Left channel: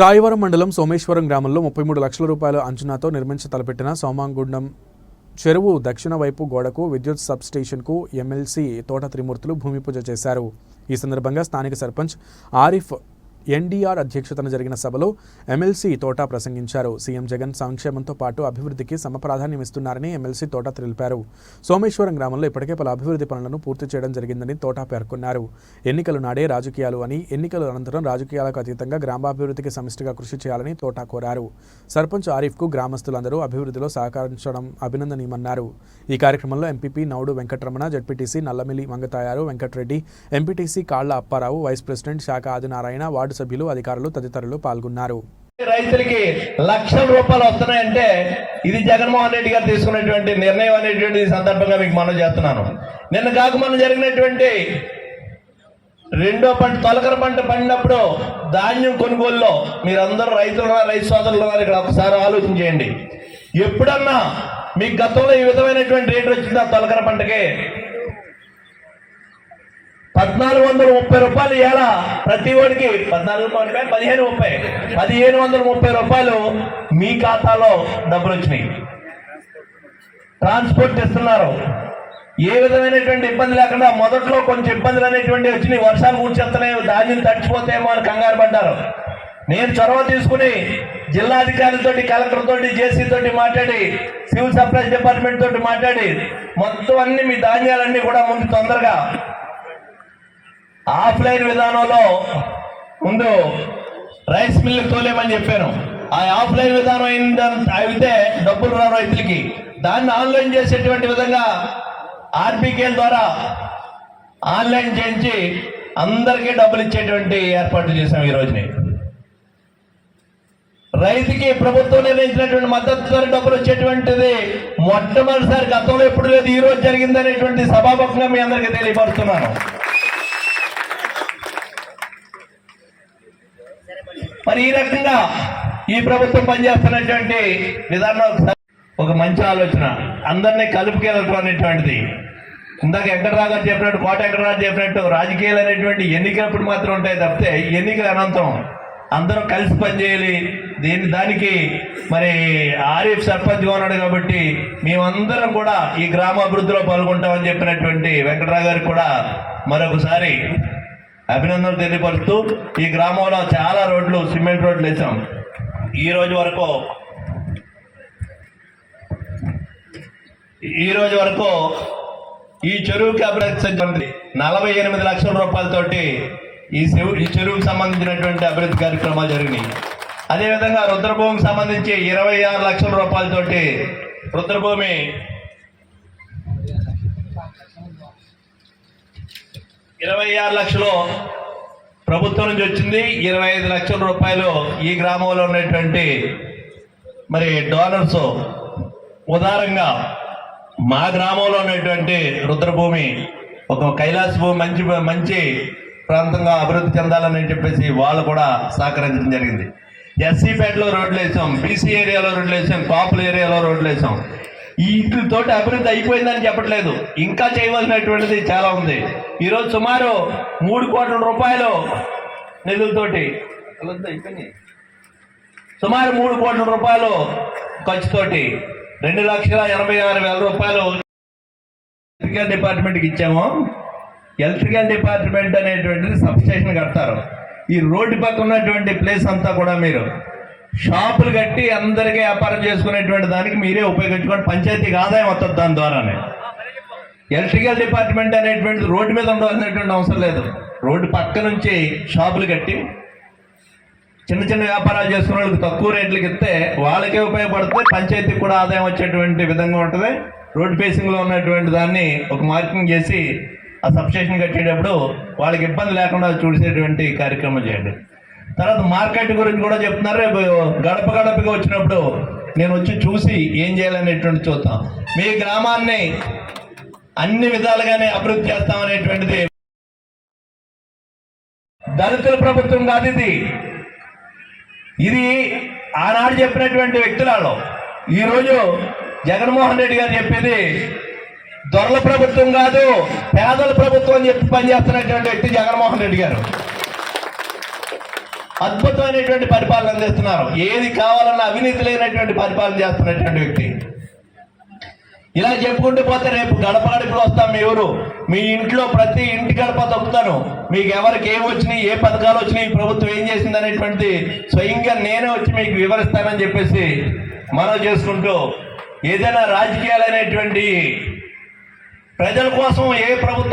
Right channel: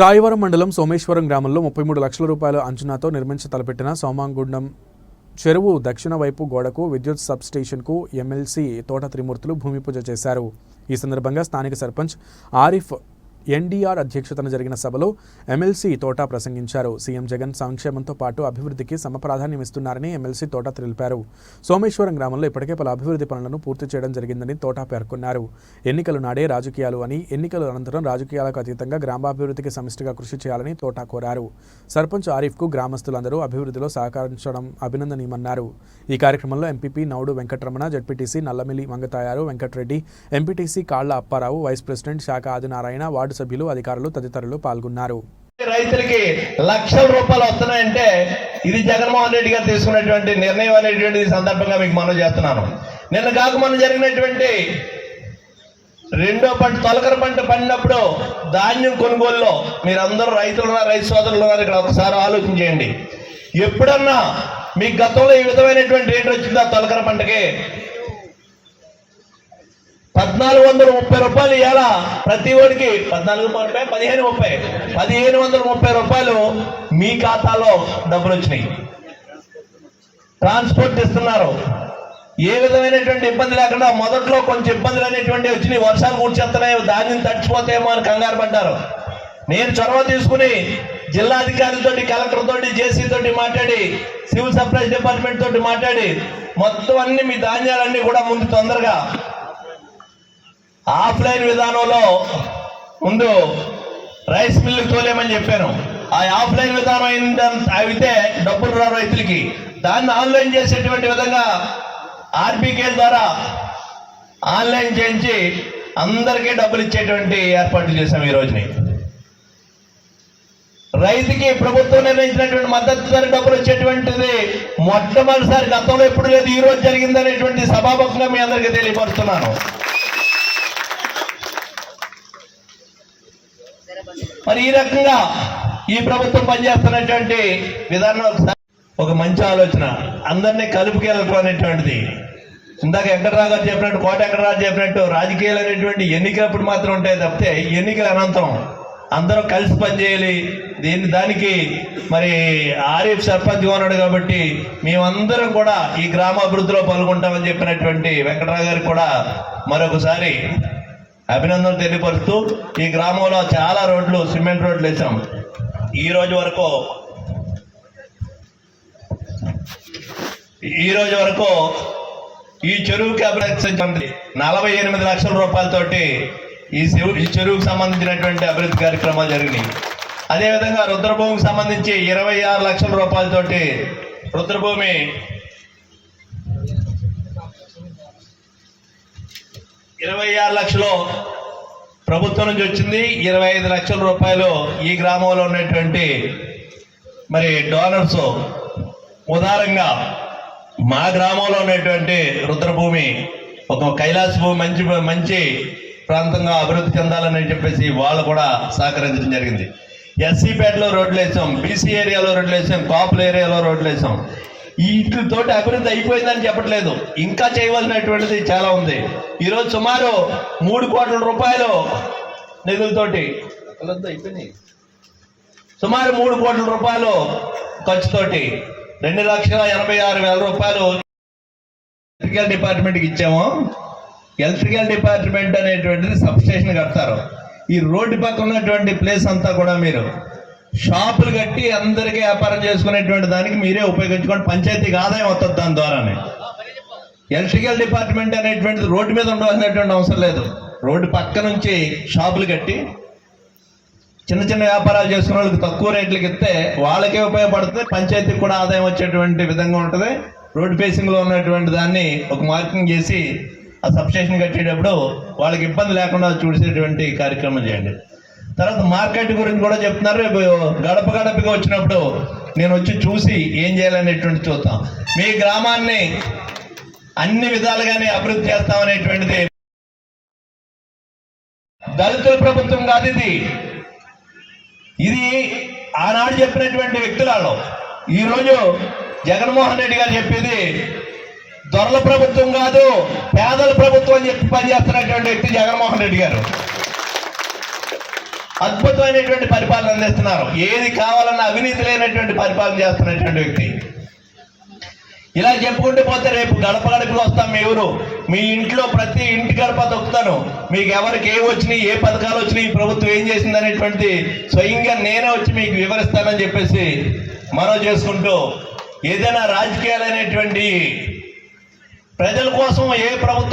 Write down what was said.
రాయవరం మండలం సోమేశ్వరం గ్రామంలో 33 లక్షల రూపాయల అంచనాతో నిర్మించి తలపెట్టిన సోమాంగుండం చెరువు దక్షిణ వైపు గోడకు విద్యుత్ సబ్ స్టేషన్కు ఎమ్మెల్సీ తోట త్రిమూర్తులు భూమి పూజ చేశారు. ఈ సందర్భంగా స్థానిక సర్పంచ్ ఆరిఫ్ ఎన్డీఆర్ అధ్యక్షతన జరిగిన సభలో ఎమ్మెల్సీ తోట ప్రసంగించారు. సీఎం జగన్ సంక్షేమంతో పాటు అభివృద్ధికి సమప్రాధాన్యమిస్తున్నారని ఎమ్మెల్సీ తోట తెలిపారు. సోమేశ్వరం గ్రామంలో ఇప్పటికే పలు అభివృద్ధి పనులను పూర్తి చేయడం జరిగిందని తోట పేర్కొన్నారు. ఎన్నికలు నాడే రాజకీయాలు అని, ఎన్నికల అనంతరం రాజకీయాలకు అతీతంగా గ్రామాభివృద్ధికి సమిష్టిగా కృషి చేయాలని తోట కోరారు. సర్పంచ్ ఆరిఫ్కు గ్రామస్తులందరూ అభివృద్ధిలో సహకరించడం అభినందనీయమన్నారు. ఈ కార్యక్రమంలో MPP Noudu Venkataramana, ZPTC Nallamilli Mangatayaru Venkatareddy, MPTC Kalla Apparao, vice president శాఖ ఆదినారాయణ, వార్డు సభ్యులు, అధికారులు తదితరులు పాల్గొన్నారు. రైతులకి లక్షల రూపాయలు వస్తున్నాయంటే ఇది జగన్మోహన్ రెడ్డి గారు తీసుకున్నటువంటి నిర్ణయం అనేటువంటి సందర్భంగా మీకు మనం చేస్తున్నాను. నిన్న కాక మనం జరిగినటువంటి రెండో పంట తొలకర పంట పండినప్పుడు ధాన్యం కొనుగోలులో మీరందరూ రైతులు రైతు సోదరులు ఇక్కడ ఒకసారి ఆలోచన చేయండి. ఎప్పుడన్నా మీకు గతంలో ఈ విధమైనటువంటి రేటు వచ్చిందా? తొలకర పంటకి 1430 రూపాయలు ఇలా ప్రతి ఓడికి 1530 రూపాయలు మీ ఖాతాలో డబ్బులు వచ్చినాయి. ట్రాన్స్పోర్ట్ ఇస్తున్నారు. ఏ విధమైనటువంటి ఇబ్బంది లేకుండా మొదట్లో కొంచెం ఇబ్బందులు అనేటువంటి వచ్చినాయి. వర్షాలు కూర్చేస్తున్నాయి, ధాన్యం తడిచిపోతాయేమో అని కంగారు పడ్డారు. నేను చొరవ తీసుకుని జిల్లాధికారులతోటి, కలెక్టర్ తోటి, జేసీ తోటి మాట్లాడి, సివిల్ సప్లైస్ డిపార్ట్మెంట్ తోటి మాట్లాడి మొత్తం అన్ని మీ ధాన్యాలన్నీ కూడా ముందు తొందరగా ఆఫ్లైన్ విధానంలో ముందు రైస్ మిల్లుకి తోలేమని చెప్పాను. ఆ ఆఫ్లైన్ విధానం అయితే డబ్బులు రావు రైతులకి. దాన్ని ఆన్లైన్ చేసేటువంటి విధంగా ఆర్బీకేల ద్వారా ఆన్లైన్ చేయించి అందరికీ డబ్బులు ఇచ్చేటువంటి ఏర్పాట్లు చేశాం. ఈ రోజుని రైతుకి ప్రభుత్వం నిర్ణయించినటువంటి మద్దతు ధర డబ్బులు వచ్చేటువంటిది మొట్టమొదటిసారి గతంలో ఎప్పుడు లేదు, ఈ రోజు జరిగింది అనేటువంటి సభాముఖంగా మీ అందరికీ తెలియపరుస్తున్నాను. మరి ఈ రకంగా ఈ ప్రభుత్వం పనిచేస్తున్నటువంటి విధానం ఒక మంచి ఆలోచన, అందరినీ కలుపుకెళ్ళటం అనేటువంటిది. ఇందాక వెంకటరావు గారు చెప్పినట్టు, కోట వెంకటరావు చెప్పినట్టు, రాజకీయాలు అనేటువంటి ఎన్నికలప్పుడు మాత్రం ఉంటాయి తప్పితే ఎన్నికల అనంతరం అందరూ కలిసి పనిచేయాలి. దానికి మరి ఆరిఫ్ సర్పంచ్గా ఉన్నాడు కాబట్టి మేమందరం కూడా ఈ గ్రామాభివృద్ధిలో పాల్గొంటామని చెప్పినటువంటి వెంకటరావు గారికి కూడా మరొకసారి అభినందనలు తెలియపరుస్తూ, ఈ గ్రామంలో చాలా రోడ్లు, సిమెంట్ రోడ్లు వేసాం. ఈ రోజు వరకు ఈ చెరువుకి అభివృద్ధి 48 లక్షల రూపాయలతోటి ఈ చెరువుకు సంబంధించినటువంటి అభివృద్ధి కార్యక్రమాలు జరిగినాయి. అదేవిధంగా రుద్రభూమికి సంబంధించి 26 లక్షల రూపాయలతోటి రుద్రభూమి 26 లక్షలు ప్రభుత్వం నుంచి వచ్చింది. 25 లక్షల రూపాయలు ఈ గ్రామంలో ఉన్నటువంటి మరి డోనర్స్ ఉదారంగా మా గ్రామంలో ఉన్నటువంటి రుద్రభూమి ఒక కైలాస భూమి మంచి ప్రాంతంగా అభివృద్ధి చెందాలని చెప్పేసి వాళ్ళు కూడా సహకరించడం జరిగింది. ఎస్సీపేటలో రోడ్లు వేసాం, బీసీ ఏరియాలో రోడ్లు వేసాం, కాపుల ఏరియాలో రోడ్లు వేసాం. వీటితోటి అభివృద్ధి అయిపోయిందని చెప్పట్లేదు, ఇంకా చేయవలసినటువంటిది చాలా ఉంది. ఈరోజు సుమారు 3 కోట్ల రూపాయలు నిధులతోటి సుమారు 3 కోట్ల రూపాయలు ఖర్చుతోటి 2,86,000 రూపాయలు ఎలక్ట్రికల్ డిపార్ట్మెంట్కి ఇచ్చాము. ఎలక్ట్రికల్ డిపార్ట్మెంట్ అనేటువంటిది సబ్స్టేషన్ కడతారు. ఈ రోడ్డు పక్కన ఉన్నటువంటి ప్లేస్ అంతా కూడా మీరు షాపులు కట్టి అందరికీ వ్యాపారం చేసుకునేటువంటి దానికి మీరే ఉపయోగించుకోండి. పంచాయతీకి ఆదాయం వస్తుంది దాని ద్వారానే. ఎలక్ట్రికల్ డిపార్ట్మెంట్ అనేటువంటిది రోడ్డు మీద ఉండవలసినటువంటి అవసరం లేదు. రోడ్డు పక్క నుంచి షాపులు కట్టి చిన్న చిన్న వ్యాపారాలు చేసుకునే వాళ్ళకి తక్కువ రేట్లకు ఇస్తే వాళ్ళకే ఉపయోగపడుతుంది, పంచాయతీకి కూడా ఆదాయం వచ్చేటువంటి విధంగా ఉంటుంది. రోడ్డు ఫేసింగ్లో ఉన్నటువంటి దాన్ని ఒక మార్కింగ్ చేసి ఆ సబ్స్టేషన్ కట్టేటప్పుడు వాళ్ళకి ఇబ్బంది లేకుండా చూసేటువంటి కార్యక్రమం చేయండి. తర్వాత మార్కెట్ గురించి కూడా చెప్తున్నారు. రేపు గడప గడపగా వచ్చినప్పుడు నేను వచ్చి చూసి ఏం చేయాలనేటువంటి చూద్దాం. మీ గ్రామాన్ని అన్ని విధాలుగానే అభివృద్ధి చేస్తామనేటువంటిది దళితుల ప్రభుత్వం కాదు ఇది ఆనాడు చెప్పినటువంటి వ్యక్తులలో. ఈరోజు జగన్మోహన్ రెడ్డి గారు చెప్పేది దొరల ప్రభుత్వం కాదు, పేదల ప్రభుత్వం అని చెప్పి పనిచేస్తున్నటువంటి వ్యక్తి జగన్మోహన్ రెడ్డి గారు. అద్భుతమైనటువంటి పరిపాలన అందిస్తున్నారు. ఏది కావాలన్నా అవినీతి లేనటువంటి పరిపాలన చేస్తున్నటువంటి వ్యక్తి. ఇలా చెప్పుకుంటూ పోతే రేపు గడప గడపకి వస్తాం. మీ ఊరు, మీ ఇంట్లో ప్రతి ఇంటి గడప తొక్కుతాను. మీకు ఎవరికి ఏం వచ్చినాయి, ఏ పథకాలు వచ్చినాయి, ప్రభుత్వం ఏం చేసింది అనేటువంటి స్వయంగా నేనే వచ్చి మీకు వివరిస్తానని చెప్పేసి మనం చేసుకుంటూ, ఏదైనా రాజకీయాలు అనేటువంటి ప్రజల కోసం ఏ ప్రభుత్వం